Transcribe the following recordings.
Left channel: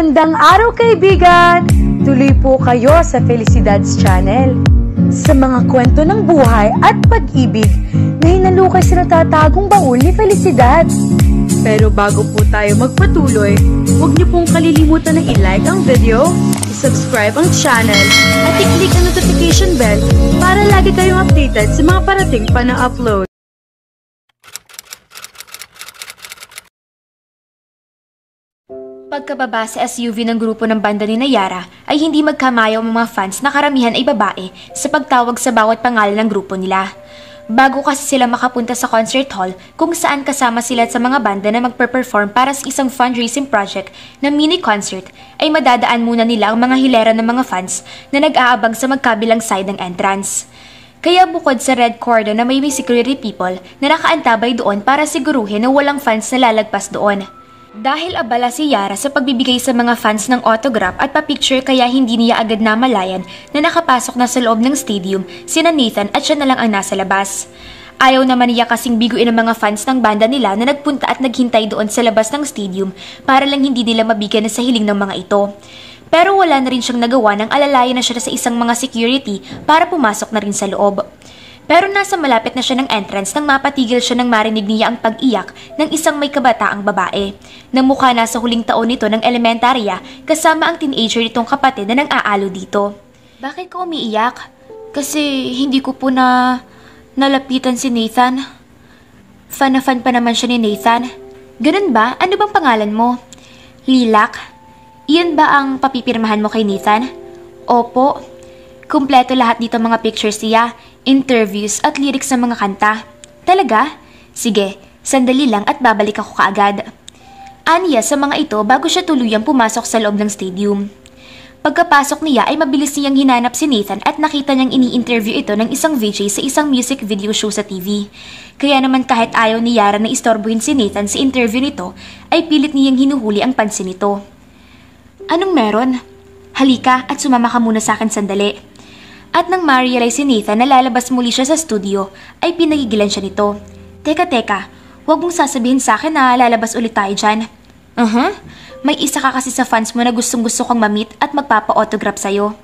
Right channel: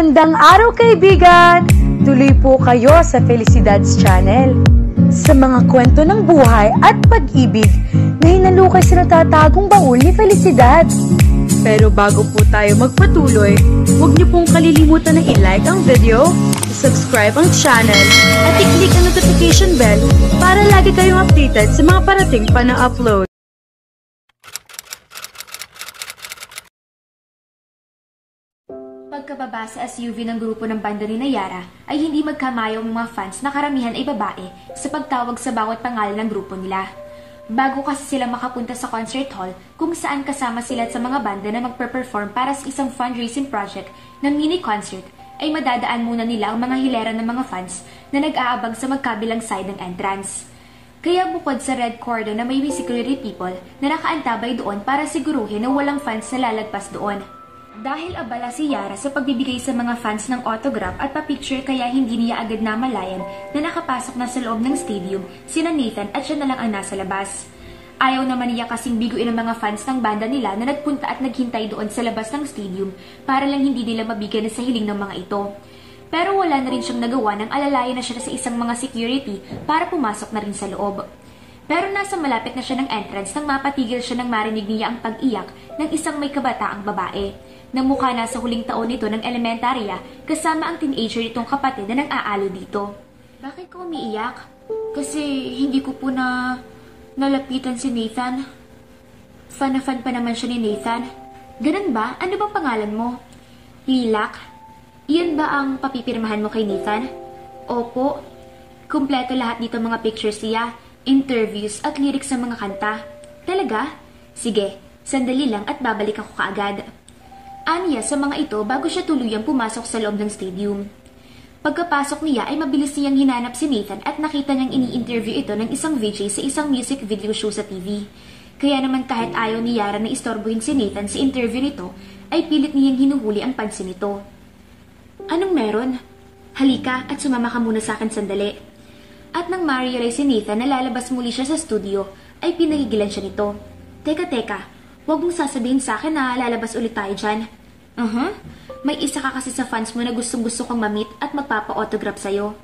Magandang araw kaibigan! Tuloy po kayo sa Felicidad's Channel. Sa mga kwento ng buhay at pag-ibig na hinalukay sa natatagong baul ni Felicidad. Pero bago po tayo magpatuloy, huwag niyo pong kalilimutan na i-like ang video, i-subscribe ang channel, at i-click ang notification bell para lagi kayong updated sa mga parating pa na upload. Pagkababa sa SUV ng grupo ng banda ni Nayara ay hindi magkamayaw ang mga fans na karamihan ay babae sa pagtawag sa bawat pangalan ng grupo nila. Bago kasi sila makapunta sa concert hall kung saan kasama sila sa mga banda na magpe-perform para sa isang fundraising project na mini concert, ay madadaan muna nila ang mga hilera ng mga fans na nag-aabang sa magkabilang side ng entrance. Kaya bukod sa red cordon na may security people na nakaantabay doon para siguruhin na walang fans na lalagpas doon. Dahil abala si Yara sa pagbibigay sa mga fans ng autograph at pa-picture kaya hindi niya agad namalayan na nakapasok na sa loob ng stadium sina Nathan at siya na lang ang nasa labas. Ayaw naman niya kasing biguin ang mga fans ng banda nila na nagpunta at naghintay doon sa labas ng stadium para lang hindi nila mabigyan sa hiling ng mga ito. Pero wala na rin siyang nagawa nang alalayan na siya sa isang mga security para pumasok na rin sa loob. Pero nasa malapit na siya ng entrance nang mapatigil siya nang marinig niya ang pag-iyak ng isang may kabataang babae na mukha na sa huling taon nito ng elementarya kasama ang teenager nitong kapatid na nang-aalo dito. Bakit ka umiiyak? Kasi hindi ko po nalapitan si Nathan. Fan na fan pa naman siya ni Nathan. Ganun ba? Ano bang pangalan mo? Lilac? Iyan ba ang papipirmahan mo kay Nathan? Opo. Kumpleto lahat dito mga pictures niya, interviews at lyrics ng mga kanta. Talaga? Sige, sandali lang at babalik ako kaagad. Aniya sa mga ito bago siya tuluyang pumasok sa loob ng stadium. Pagkapasok niya ay mabilis niyang hinanap si Nathan at nakita niyang ini-interview ito ng isang VJ sa isang music video show sa TV. Kaya naman kahit ayaw ni Yara na istorbohin si Nathan sa interview nito, ay pilit niyang hinuhuli ang pansin nito. Anong meron? Halika at sumama ka muna sa akin sandali. At nang ma-realize si Nathan na lalabas muli siya sa studio, ay pinagigilan siya nito. Teka, huwag mong sasabihin sa akin na lalabas ulit tayo dyan. May isa ka kasi sa fans mo na gustong-gusto kang mamit at magpapa-autograph sa'yo.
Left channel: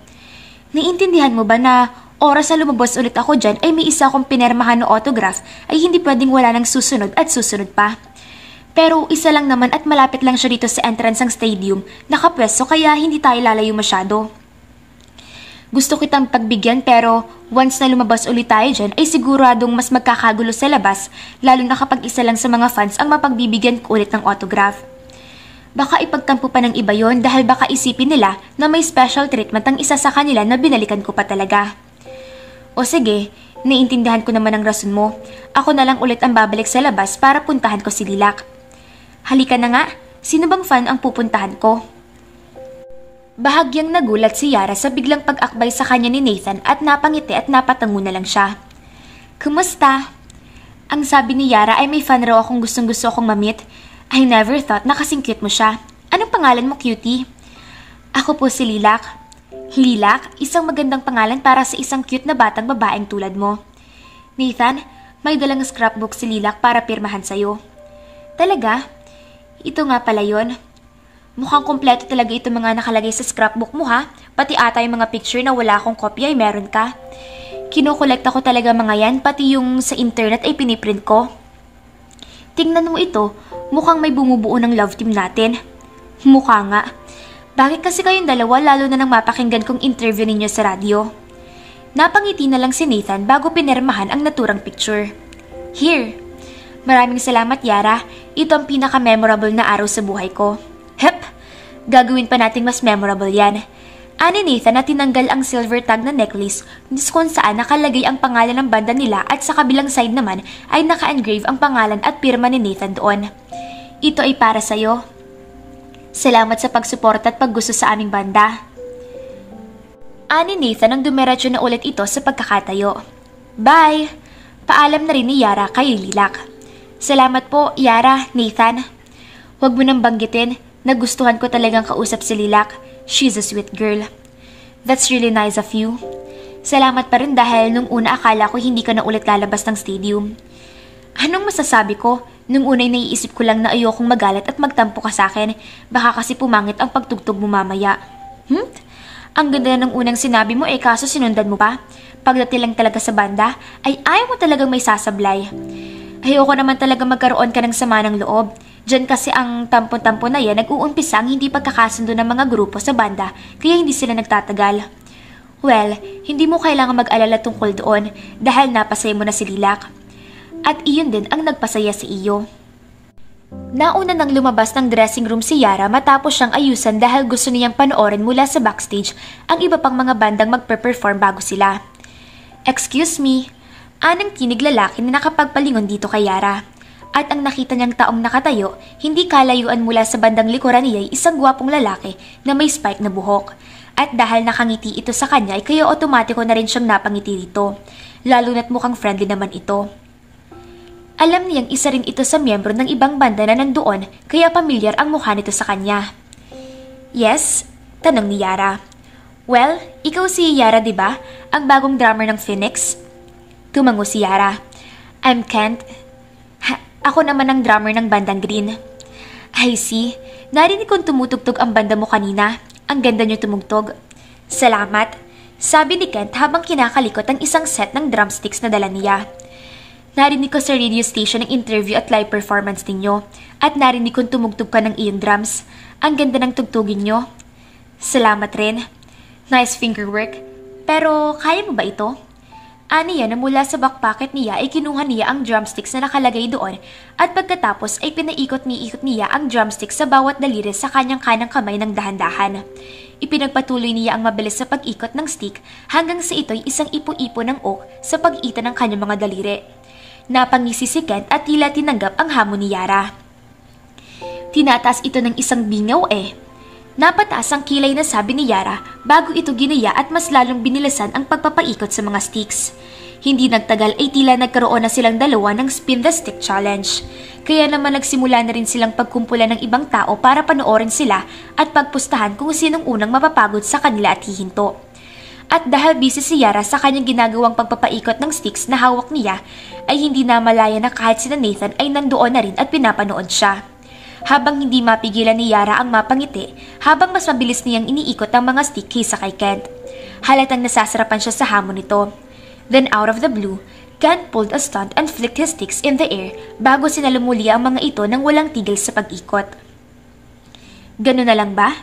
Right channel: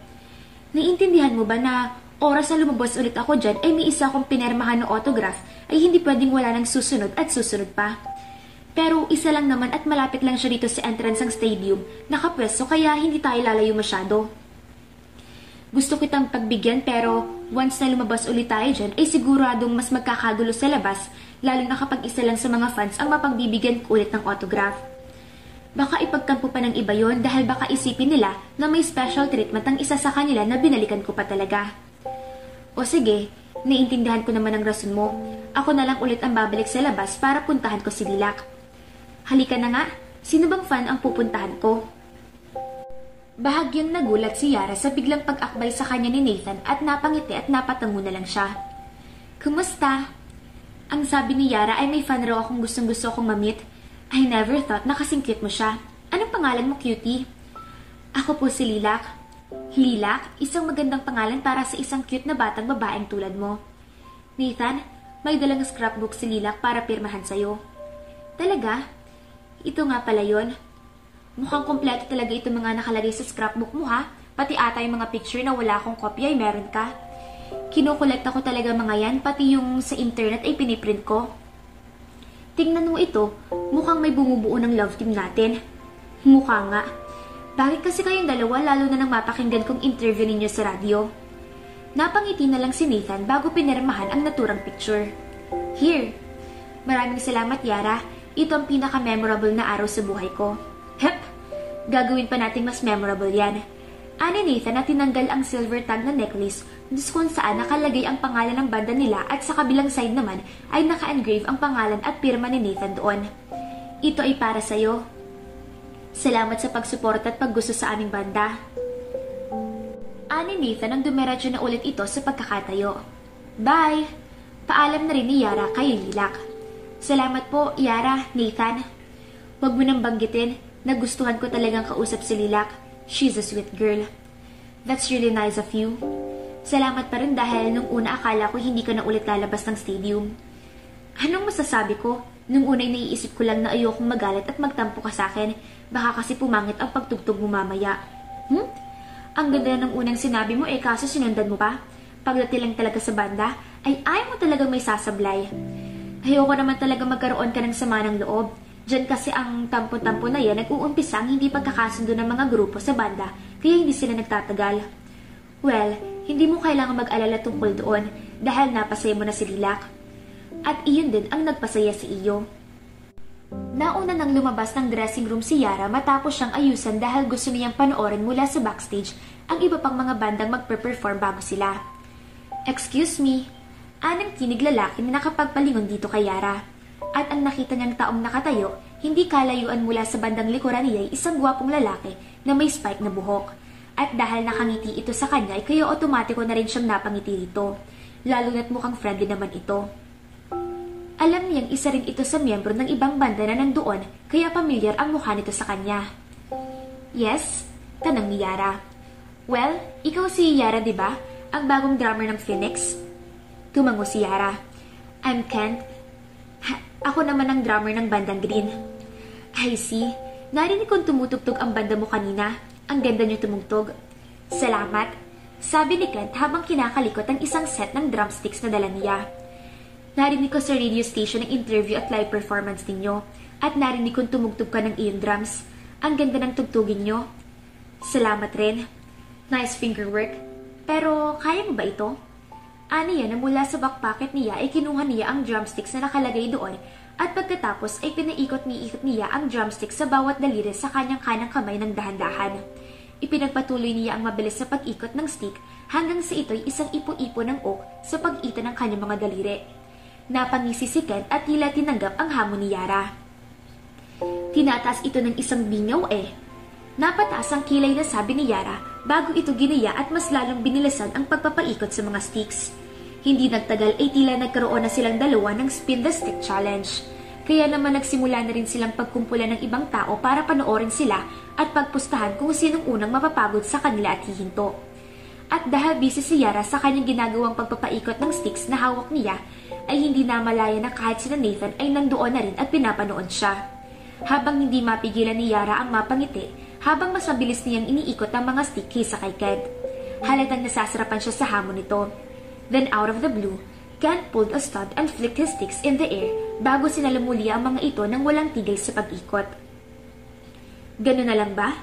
Naiintindihan mo ba na oras na lumabas ulit ako dyan ay may isa akong pinermahan na autograph ay hindi pwedeng wala ng susunod at susunod pa. Pero isa lang naman at malapit lang siya dito sa entrance ng stadium, nakapwesto kaya hindi tayo lalayo masyado. Gusto kitang pagbigyan pero once na lumabas ulit tayo dyan ay siguradong mas magkakagulo sa labas lalo na kapag isa lang sa mga fans ang mapagbibigyan ko ulit ng autograph. Baka ipagtampo pa ng iba yon dahil baka isipin nila na may special treatment ang isa sa kanila na binalikan ko pa talaga. O sige, naiintindihan ko naman ang rason mo. Ako na lang ulit ang babalik sa labas para puntahan ko si Lilac. Halika na nga, sino bang fan ang pupuntahan ko? Bahagyang nagulat si Yara sa biglang pag-akbay sa kanya ni Nathan at napangiti at napatango na lang siya. Kumusta? Ang sabi ni Yara ay may fan raw akong gustong-gusto akong mamit. I never thought na kasing cute mo siya. Anong pangalan mo, cutie? Ako po si Lilac. Lilac, isang magandang pangalan para sa isang cute na batang babaeng tulad mo. Nathan, may dalang scrapbook si Lilac para pirmahan sa'yo. Talaga? Ito nga pala yun. Mukhang kompleto talaga ito mga nakalagay sa scrapbook mo ha. Pati ata yung mga picture na wala akong kopya ay meron ka. Kinukolekta ko talaga mga yan, pati yung sa internet ay piniprint ko. Tingnan mo ito, mukhang may bumubuo ng love team natin. Mukha nga. Bakit kasi kayong dalawa lalo na nang mapakinggan kong interview ninyo sa radyo? Napangiti na lang si Nathan bago pinirmahan ang naturang picture. Here. Maraming salamat Yara, ito ang pinaka-memorable na araw sa buhay ko. Hep! Gagawin pa natin mas memorable yan. Ani Nathan na tinanggal ang silver tag na necklace kung saan nakalagay ang pangalan ng banda nila at sa kabilang side naman ay naka-engrave ang pangalan at pirma ni Nathan doon. Ito ay para sa'yo. Salamat sa pagsuporta at paggusto sa aming banda. Ani Nathan ang dumiretso na ulit ito sa pagkakatayo. Bye! Paalam na rin ni Yara kay Lilac. Salamat po, Yara, Nathan. Huwag mo nang banggitin. Nagustuhan ko talagang kausap si Lilac. She's a sweet girl. That's really nice of you. Salamat pa rin dahil nung una akala ko hindi ka na ulit lalabas ng stadium. Anong masasabi ko? Nung unay naiisip ko lang na ayokong magalit at magtampo ka sa akin. Baka kasi pumangit ang pagtugtog mo mamaya. Ang ganda na ng unang sinabi mo kaso sinundan mo pa. Pagdating lang talaga sa banda, ay ayaw mo talagang may sasablay. Ayoko naman talaga magkaroon ka ng sama ng loob. Diyan kasi ang tampo-tampo na yan nag-uumpisa ang hindi pagkakasundo ng mga grupo sa banda kaya hindi sila nagtatagal. Well, hindi mo kailangan mag-alala tungkol doon dahil napasaya mo na si Lilac. At iyon din ang nagpasaya sa iyo. Nauna nang lumabas ng dressing room si Yara matapos siyang ayusan dahil gusto niyang panoorin mula sa backstage ang iba pang mga bandang magpe-perform bago sila. Excuse me, anang tinig lalaki na nakapagpalingon dito kay Yara. At ang nakita niyang taong nakatayo, hindi kalayuan mula sa bandang likuran niya ay isang gwapong lalaki na may spike na buhok. At dahil nakangiti ito sa kanya ay kaya otomatiko na rin siyang napangiti dito. Lalo na't mukhang friendly naman ito. Alam niyang isa rin ito sa miyembro ng ibang banda na nandoon kaya pamilyar ang mukha nito sa kanya. Yes? Tanong ni Yara. Well, ikaw si Yara diba? Ang bagong drummer ng Phoenix? Tumango si Yara. I'm Kent. Ako naman ang drummer ng bandang Green. I see. Narinig kong tumutugtog ang banda mo kanina. Ang ganda niyo tumugtog. Salamat. Sabi ni Kent habang kinakalikot ang isang set ng drumsticks na dala niya. Narinig ko sa radio station ang interview at live performance ninyo. At narinig kong tumugtog ka ng iyong drums. Ang ganda ng tugtugin nyo. Salamat rin. Nice fingerwork. Pero kaya mo ba ito? Aniya na mula sa back pocket niya ay kinuha niya ang drumsticks na nakalagay doon at pagkatapos ay pinaikot niya ang drumsticks sa bawat daliri sa kanyang kanang kamay ng dahan-dahan. Ipinagpatuloy niya ang mabilis sa pag-ikot ng stick hanggang sa ito'y isang ipo-ipo ng oak sa pag-itan ng kanyang mga daliri. Napangisi si Kent at tila tinanggap ang hamon ni Yara. Tinataas ito ng isang bingaw Napataas ang kilay na sabi ni Yara bago ito ginaya at mas lalong binilasan ang pagpapaikot sa mga sticks. Hindi nagtagal ay tila nagkaroon na silang dalawa ng Spin the Stick Challenge. Kaya naman nagsimula na rin silang pagkumpulan ng ibang tao para panoorin sila at pagpustahan kung sinong unang mapapagod sa kanila at hihinto. At dahil busy si Yara sa kanyang ginagawang pagpapaikot ng sticks na hawak niya, ay hindi na malaya na kahit sina Nathan ay nandoon na rin at pinapanood siya. Habang hindi mapigilan ni Yara ang mapangiti, habang mas mabilis niyang iniikot ang mga stick kaysa kay Kent. Halatang nasasarapan siya sa hamon nito. Then out of the blue, Kent pulled a stunt and flicked his sticks in the air bago sinalumuli ang mga ito nang walang tigil sa pag-ikot. Ganun na lang ba?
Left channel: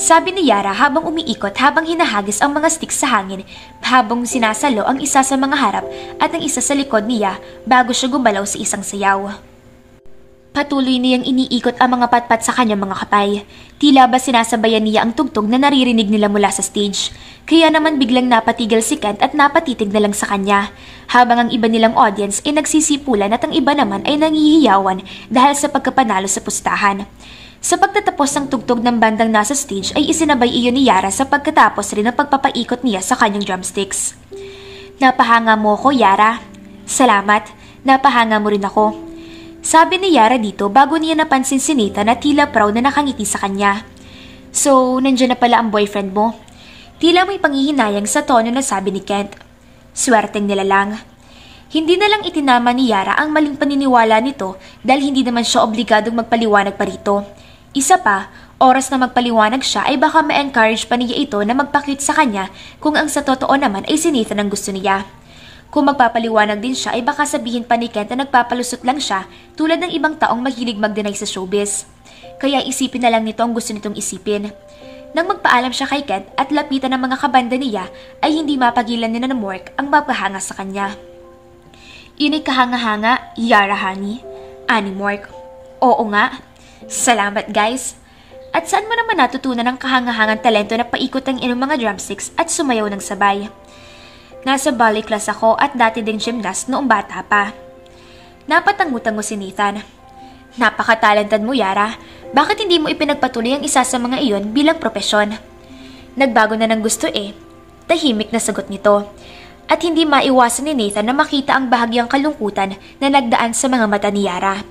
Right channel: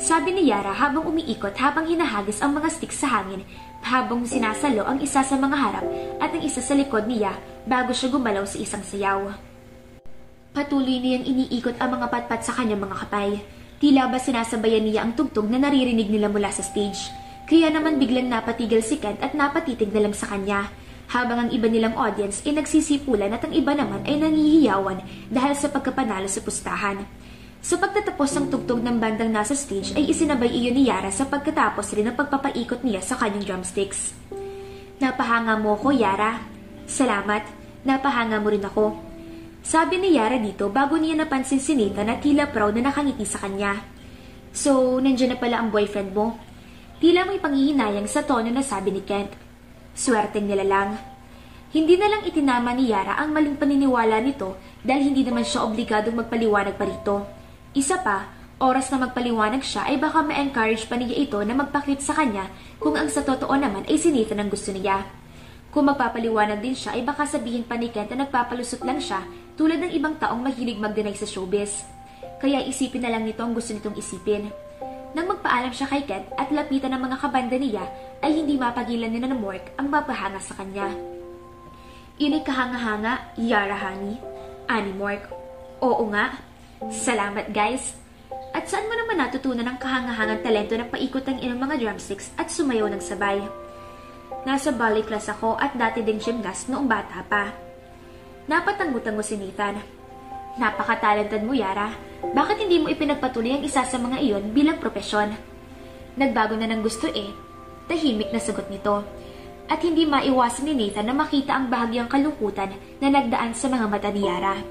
Sabi ni Yara habang umiikot habang hinahagis ang mga sticks sa hangin habang sinasalo ang isa sa mga harap at ang isa sa likod niya bago siya gumalaw sa isang sayaw. Patuloy niyang iniikot ang mga patpat sa kanyang mga kapay. Tila ba sinasabayan niya ang tugtog na naririnig nila mula sa stage. Kaya naman biglang napatigil si Kent at napatitig na lang sa kanya. Habang ang iba nilang audience ay nagsisipulan at ang iba naman ay nangihiyawan dahil sa pagkapanalo sa pustahan. Sa pagtatapos ng tugtog ng bandang nasa stage ay isinabay iyon ni Yara sa pagkatapos rin ng pagpapaikot niya sa kanyang drumsticks. Napahanga mo ko, Yara. Salamat. Napahanga mo rin ako. Sabi ni Yara dito bago niya napansin si Nathan na tila proud na nakangiti sa kanya. So, nandiyan na pala ang boyfriend mo. Tila may panghihinayang sa tono na sabi ni Kent. Swerteng nila lang. Hindi na lang itinama ni Yara ang maling paniniwala nito dahil hindi naman siya obligadong magpaliwanag pa rito. Isa pa, oras na magpaliwanag siya ay baka ma-encourage pa niya ito na magpa-cute sa kanya kung ang sa totoo naman ay si Nathan ang gusto niya. Kung magpapaliwanag din siya ay baka sabihin pa ni Kent na nagpapalusot lang siya tulad ng ibang taong mahilig mag-deny sa showbiz. Kaya isipin na lang nito ang gusto nitong isipin. Nang magpaalam siya kay Kent at lapitan ng mga kabanda niya ay hindi mapagilan ni Mork ang mapahanga sa kanya. Inay kahanga-hanga, Yara honey. Ani Mork. Oo nga. Salamat guys. At saan mo naman natutunan ang kahanga-hangang talento na paikot ang inyong mga drumsticks at sumayaw ng sabay? Nasa ballet class ako at dati ding gymnast noong bata pa. Napatango-tango si Nathan. Napakatalentad mo, Yara. Bakit hindi mo ipinagpatuloy ang isa sa mga iyon bilang propesyon? Nagbago na ng gusto Tahimik na sagot nito. At hindi maiwasan ni Nathan na makita ang bahagyang kalungkutan na nagdaan sa mga mata ni Yara.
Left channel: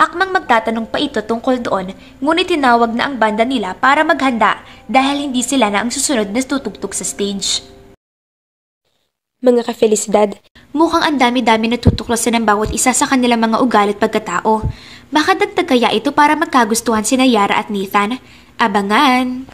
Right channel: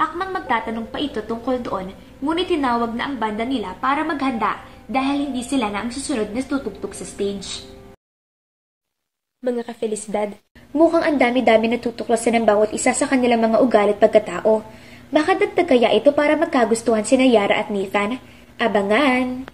Akmang magtatanong pa ito tungkol doon, ngunit tinawag na ang banda nila para maghanda dahil hindi sila na ang susunod na tutugtog sa stage. mga ka-Felicidad. Mukhang ang dami-dami natutuklasan ng bawat isa sa kanilang mga ugali at pagkatao. Baka dagdag kaya ito para magkagustuhan sina Yara at Nathan? Abangan!